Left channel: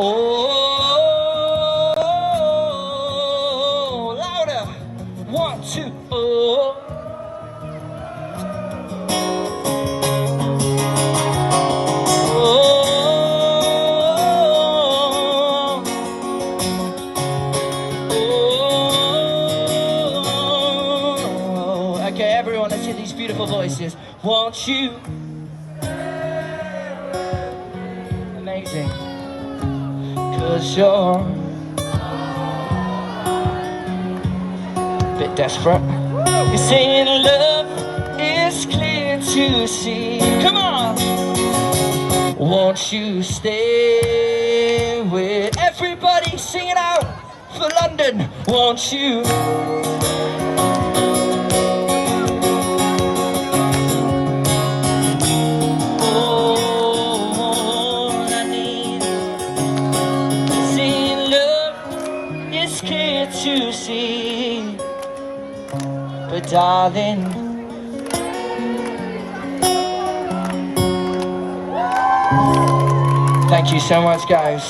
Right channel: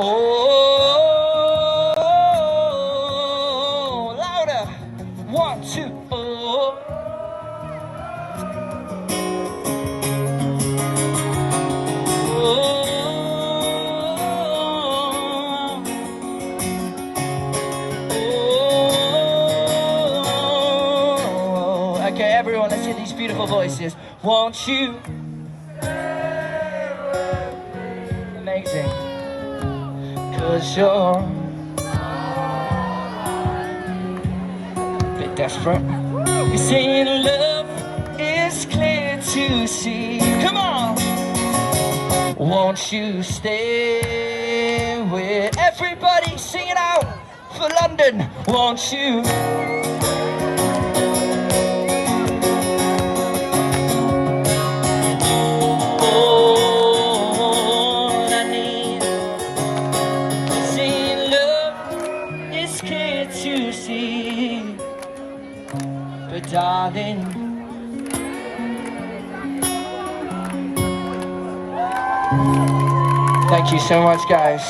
Oh, louder. 1, 2, oh. Okay, everyone, let's hear these beautiful voices. Won't you? Amazing. 'Cause you're a bit desperate. You're saying love is clear to see. Come on! Won't you stay with everybody singing out for London? Won't you? To see, but darling, thank you so much, guys.